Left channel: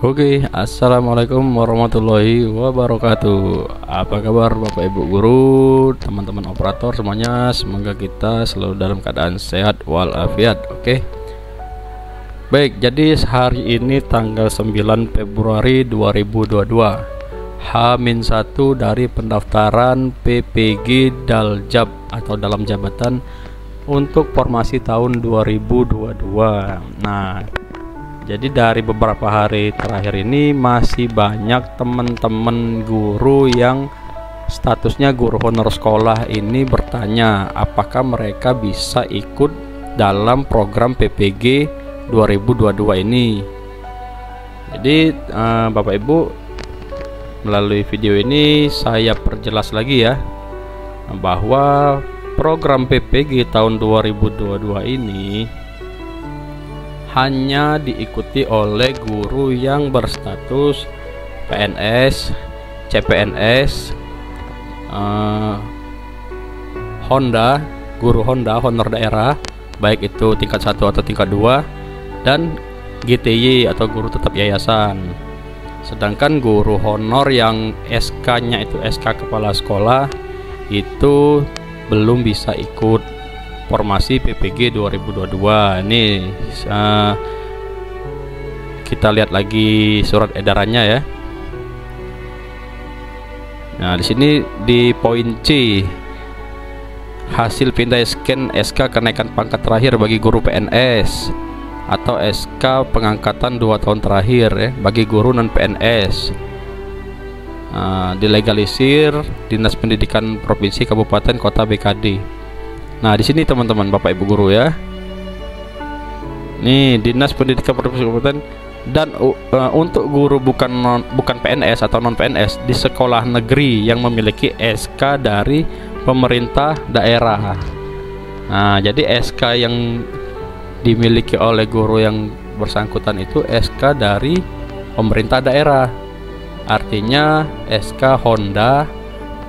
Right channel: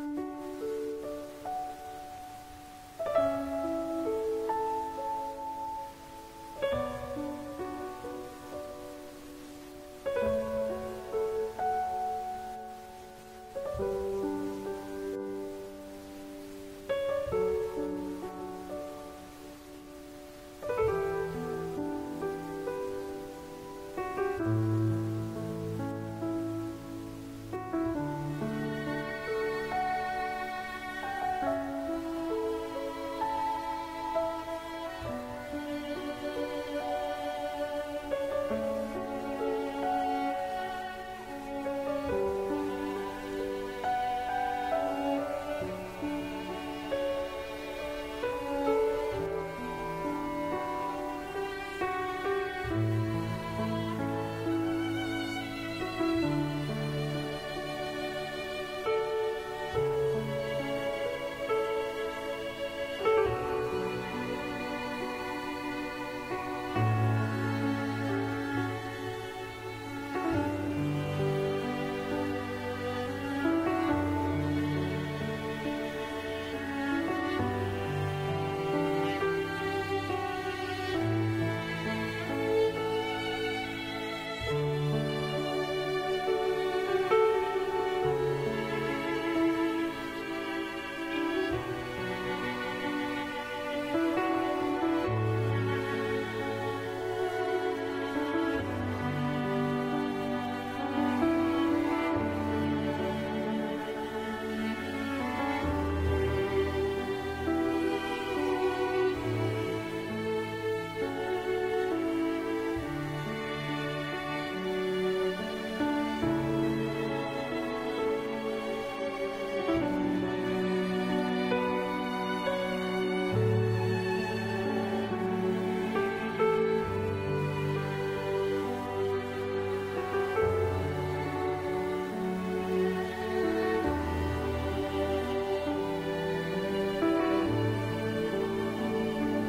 Oke, assalamualaikum warahmatullahi wabarakatuh. Apa kabar Bapak Ibu guru, teman-teman operator semuanya? Semoga kita selalu dalam keadaan sehat walafiat. Oke. Baik, jadi hari ini tanggal 9 Februari 2022, H-1 dari pendaftaran PPG Daljab atau dalam jabatan untuk formasi tahun 2022. Nah, jadi dari beberapa hari terakhir ini masih banyak teman-teman guru yang statusnya guru honor sekolah ini bertanya apakah mereka bisa ikut dalam program PPG 2022 ini. Jadi Bapak Ibu, melalui video ini saya perjelas lagi ya, bahwa program PPG tahun 2022 ini hanya diikuti oleh guru yang berstatus PNS, CPNS, Honda, guru Honda, honor daerah, baik itu tingkat 1 atau tingkat 2, dan GTY atau guru tetap yayasan. Sedangkan guru honor yang SK-nya itu SK kepala sekolah itu belum bisa ikut formasi PPG 2022. Ini kita lihat lagi surat edarannya ya. Nah, di sini di poin C, hasil pindah scan SK kenaikan pangkat terakhir bagi guru PNS atau SK pengangkatan 2 tahun terakhir ya bagi guru non PNS. Dilegalisir Dinas Pendidikan Provinsi Kabupaten Kota BKD. Nah, di sini teman-teman Bapak Ibu guru ya. Nih, Dinas Pendidikan Provinsi Kabupaten dan untuk guru bukan PNS atau non PNS di sekolah negeri yang memiliki SK dari pemerintah daerah. Nah, jadi SK yang dimiliki oleh guru yang bersangkutan itu SK dari pemerintah daerah. Artinya SK Honda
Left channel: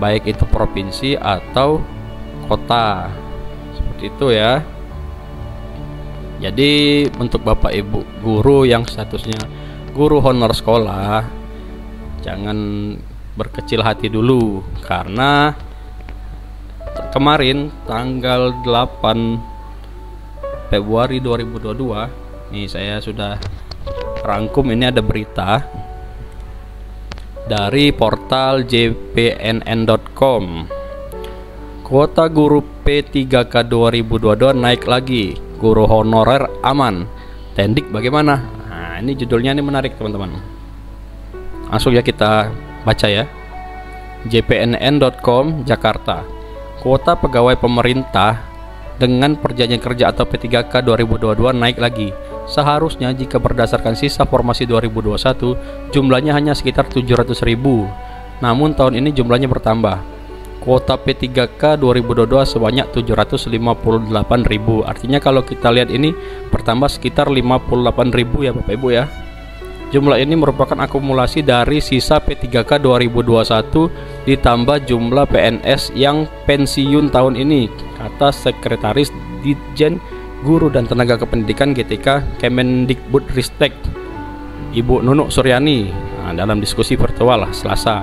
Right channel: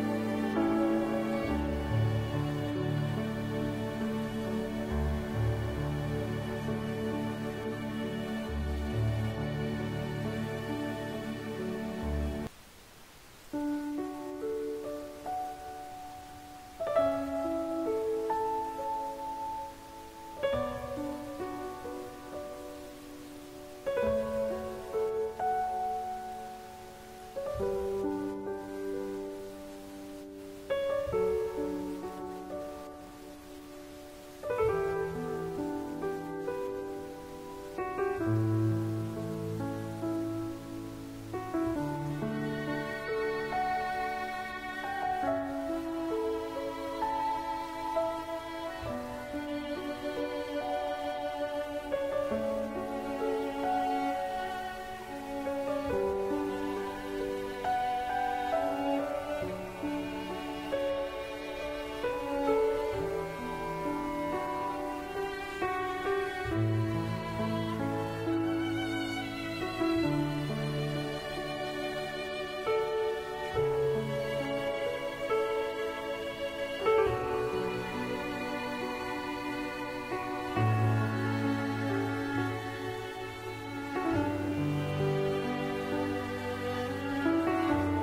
baik itu provinsi atau kota. Itu ya. Jadi untuk Bapak Ibu guru yang statusnya guru honor sekolah, jangan berkecil hati dulu, karena kemarin tanggal 8 Februari 2022 nih saya sudah rangkum, ini ada berita dari portal jpnn.com. Kuota guru P3K 2022 naik lagi, guru honorer aman. Tendik bagaimana? Nah, ini judulnya ini menarik teman-teman. Langsung ya kita baca ya. jpnn.com Jakarta. Kuota pegawai pemerintah dengan perjanjian kerja atau P3K 2022 naik lagi. Seharusnya jika berdasarkan sisa formasi 2021 jumlahnya hanya sekitar 700.000. Namun tahun ini jumlahnya bertambah. Kuota P3K 2022 sebanyak 758.000. Artinya kalau kita lihat ini bertambah sekitar 58.000 ya Bapak Ibu ya. Jumlah ini merupakan akumulasi dari sisa P3K 2021 ditambah jumlah PNS yang pensiun tahun ini, kata Sekretaris Ditjen Guru dan Tenaga Kependidikan GTK Kemendikbudristek Ibu Nunuk Suryani dalam diskusi virtual Selasa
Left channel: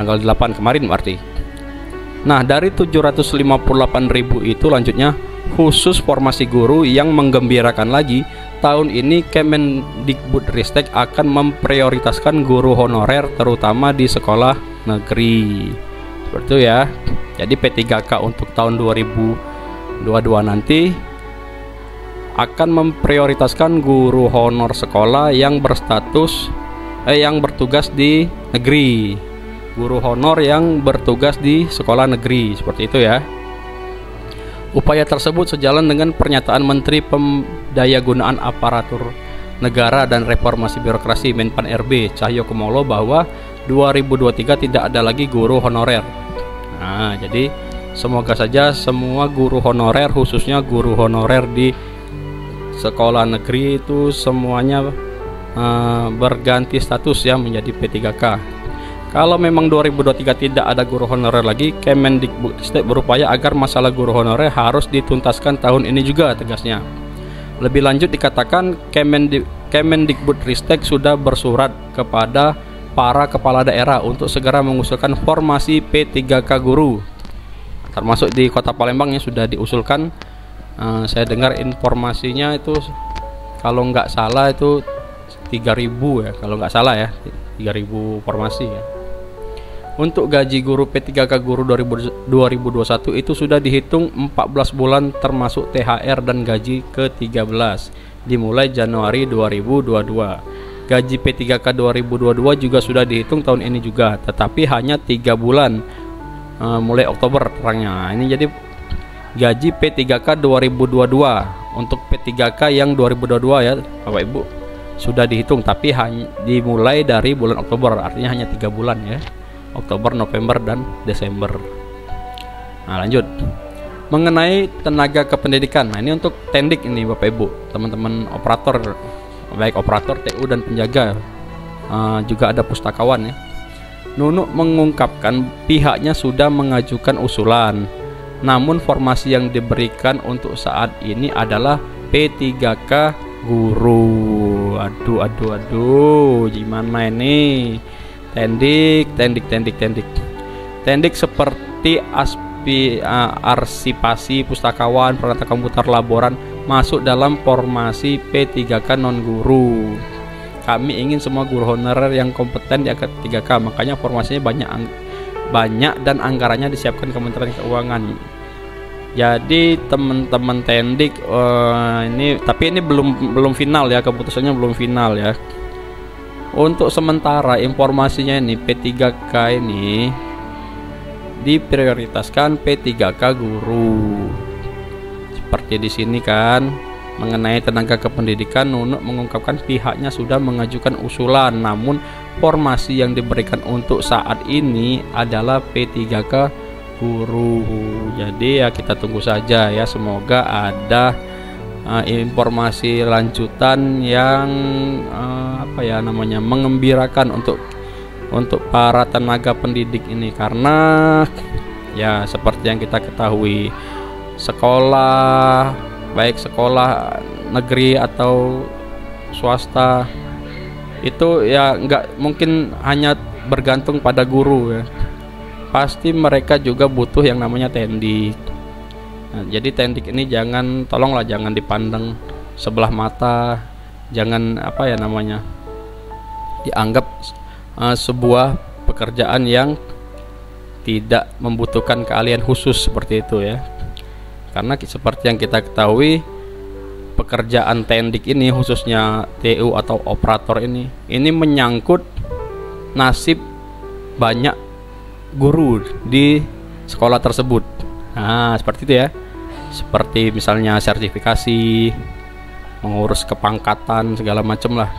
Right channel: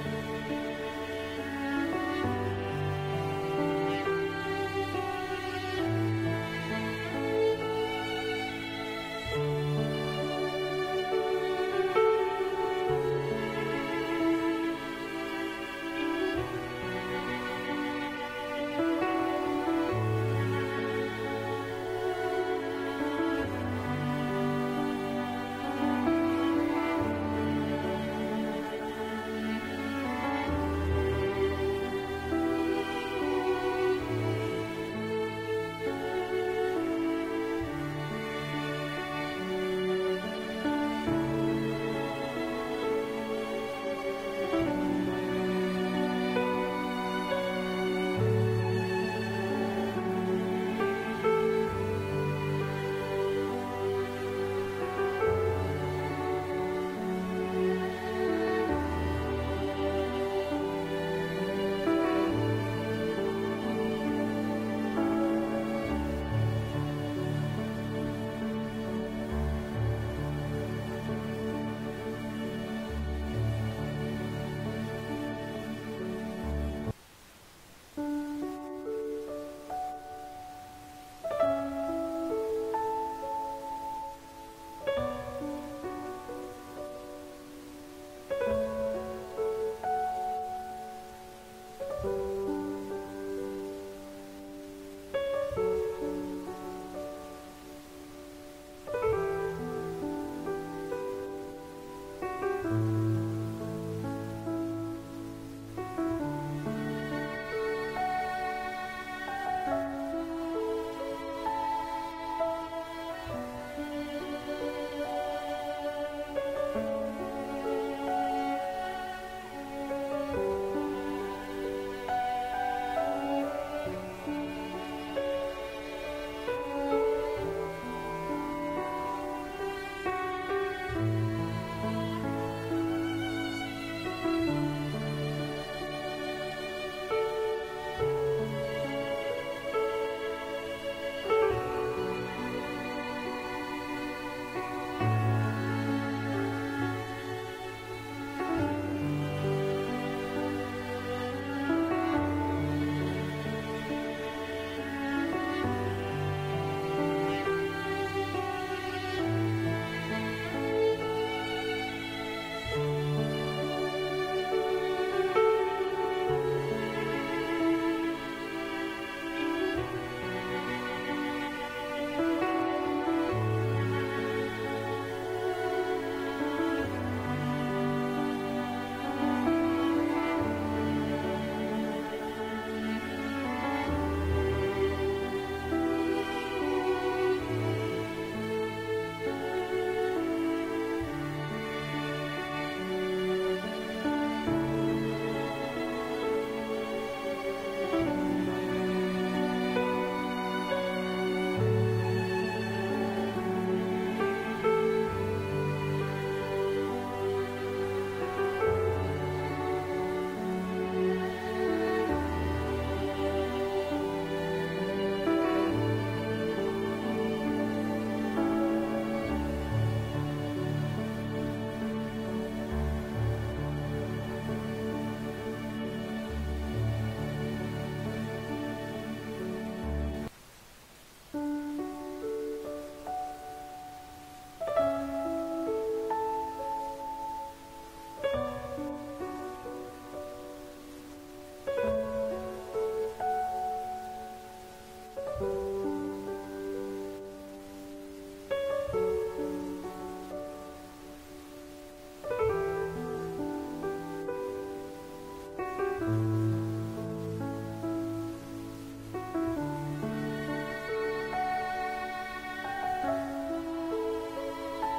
tanggal 8 kemarin berarti. Nah, dari 758.000 itu lanjutnya khusus formasi guru yang menggembirakan lagi, tahun ini Kemendikbudristek akan memprioritaskan guru honorer terutama di sekolah negeri. Seperti itu ya. Jadi P3K untuk tahun 2022 nanti akan memprioritaskan guru honor sekolah yang berstatus yang bertugas di negeri. Guru honor yang bertugas di sekolah negeri, seperti itu ya. Upaya tersebut sejalan dengan pernyataan Menteri Pendayagunaan Aparatur Negara dan Reformasi Birokrasi Menpan RB Cahyokumolo bahwa 2023 tidak ada lagi guru honorer. Nah, jadi semoga saja semua guru honorer, khususnya guru honorer di sekolah negeri itu semuanya berganti status ya menjadi P3K. Kalau memang 2023 tidak ada guru honorer lagi, Kemendikbudristek berupaya agar masalah guru honorer harus dituntaskan tahun ini juga, tegasnya. Lebih lanjut dikatakan Kemendikbudristek sudah bersurat kepada para kepala daerah untuk segera mengusulkan formasi P3K guru, termasuk di Kota Palembang yang sudah diusulkan. Saya dengar informasinya itu kalau nggak salah itu 3.000 ya, kalau nggak salah ya, 3.000 formasi ya. Untuk gaji guru P3K guru 2021 itu sudah dihitung 14 bulan termasuk THR dan gaji ke-13 dimulai Januari 2022. Gaji P3K 2022 juga sudah dihitung tahun ini juga, tetapi hanya 3 bulan mulai Oktober terangnya. Ini jadi gaji P3K 2022 untuk P3K yang 2022 ya Bapak Ibu sudah dihitung, tapi hanya dimulai dari bulan Oktober, artinya hanya 3 bulan ya, Oktober, November, dan Desember. Nah lanjut, mengenai tenaga kependidikan. Nah ini untuk tendik ini Bapak Ibu, teman-teman operator, baik operator TU dan penjaga, juga ada pustakawan ya. Nunuk mengungkapkan pihaknya sudah mengajukan usulan, namun formasi yang diberikan untuk saat ini adalah P3K guru. Aduh, gimana ini? Tendik seperti arsipasi, pustakawan, peralatan komputer, laboran masuk dalam formasi P3K non guru. Kami ingin semua guru honorer yang kompeten di P3K, makanya formasinya banyak dan anggarannya disiapkan Kementerian Keuangan. Jadi teman-teman tendik ini, tapi ini belum final ya, keputusannya belum final ya. Untuk sementara informasinya ini P3K ini diprioritaskan P3K guru. Seperti di sini kan, mengenai tenaga kependidikan, Nunuk mengungkapkan pihaknya sudah mengajukan usulan, namun formasi yang diberikan untuk saat ini adalah P3K guru. Jadi ya kita tunggu saja ya, semoga ada informasi lanjutan yang mengembirakan untuk para tenaga pendidik ini, karena ya seperti yang kita ketahui, sekolah baik sekolah negeri atau swasta itu ya nggak mungkin hanya bergantung pada guru ya, pasti mereka juga butuh yang namanya tendik. Nah, jadi tendik ini tolonglah jangan dipandang sebelah mata, jangan dianggap sebuah pekerjaan yang tidak membutuhkan keahlian khusus seperti itu ya. Karena seperti yang kita ketahui, pekerjaan tendik ini khususnya TU atau operator ini menyangkut nasib banyak guru di sekolah tersebut. Nah seperti itu ya, seperti misalnya sertifikasi, mengurus kepangkatan segala macam lah,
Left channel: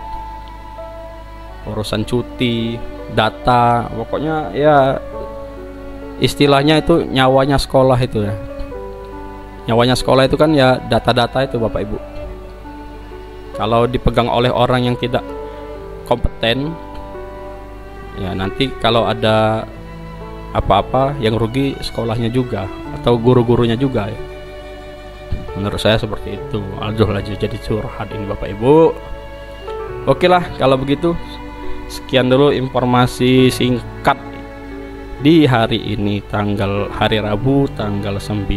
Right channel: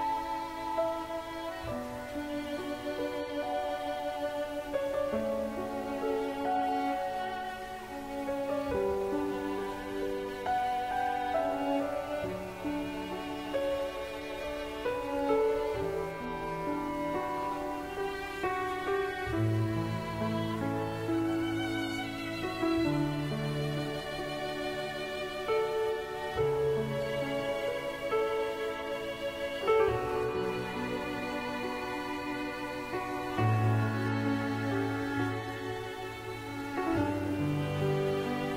urusan cuti, data, pokoknya ya istilahnya itu nyawanya sekolah itu ya. Nyawanya sekolah itu kan ya data-data itu Bapak Ibu. Kalau dipegang oleh orang yang tidak kompeten, ya nanti kalau ada apa-apa yang rugi sekolahnya juga atau guru-gurunya juga ya. Menurut saya seperti itu. Aduh lagi jadi curhat ini Bapak Ibu. Oke lah kalau begitu, sekian dulu informasi singkat di hari ini, hari Rabu tanggal 9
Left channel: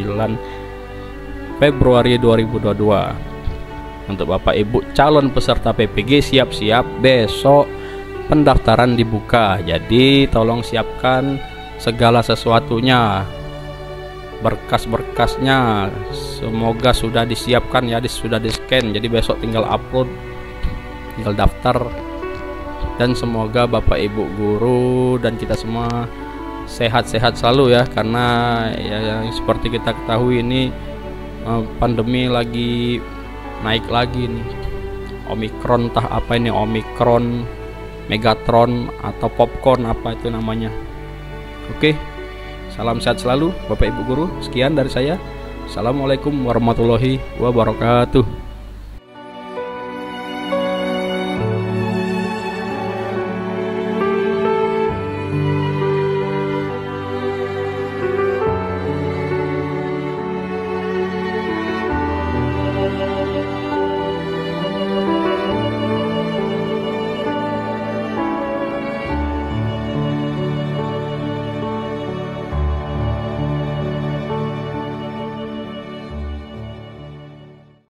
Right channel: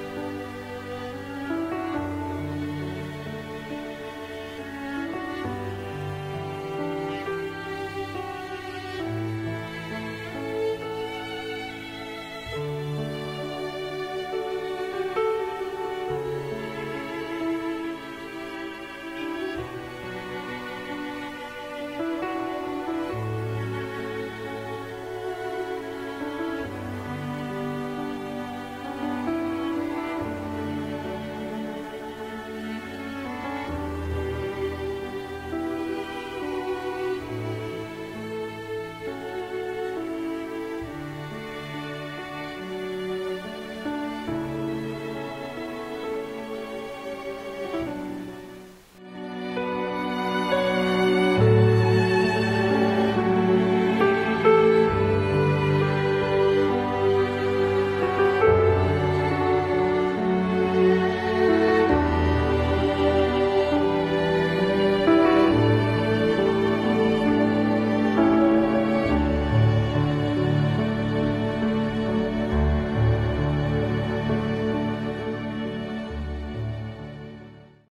Februari 2022. Untuk Bapak Ibu calon peserta PPG, siap-siap besok pendaftaran dibuka. Jadi tolong siapkan segala sesuatunya, berkas-berkasnya semoga sudah disiapkan ya, sudah di-scan. Jadi besok tinggal upload, tinggal daftar, dan semoga Bapak Ibu guru dan kita semua sehat-sehat selalu ya, karena ya seperti kita ketahui ini pandemi lagi naik lagi nih, Omikron, entah apa ini, Omikron, Megatron atau Popcorn, apa itu namanya. Oke, salam sehat selalu Bapak Ibu guru. Sekian dari saya. Assalamualaikum warahmatullahi wabarakatuh.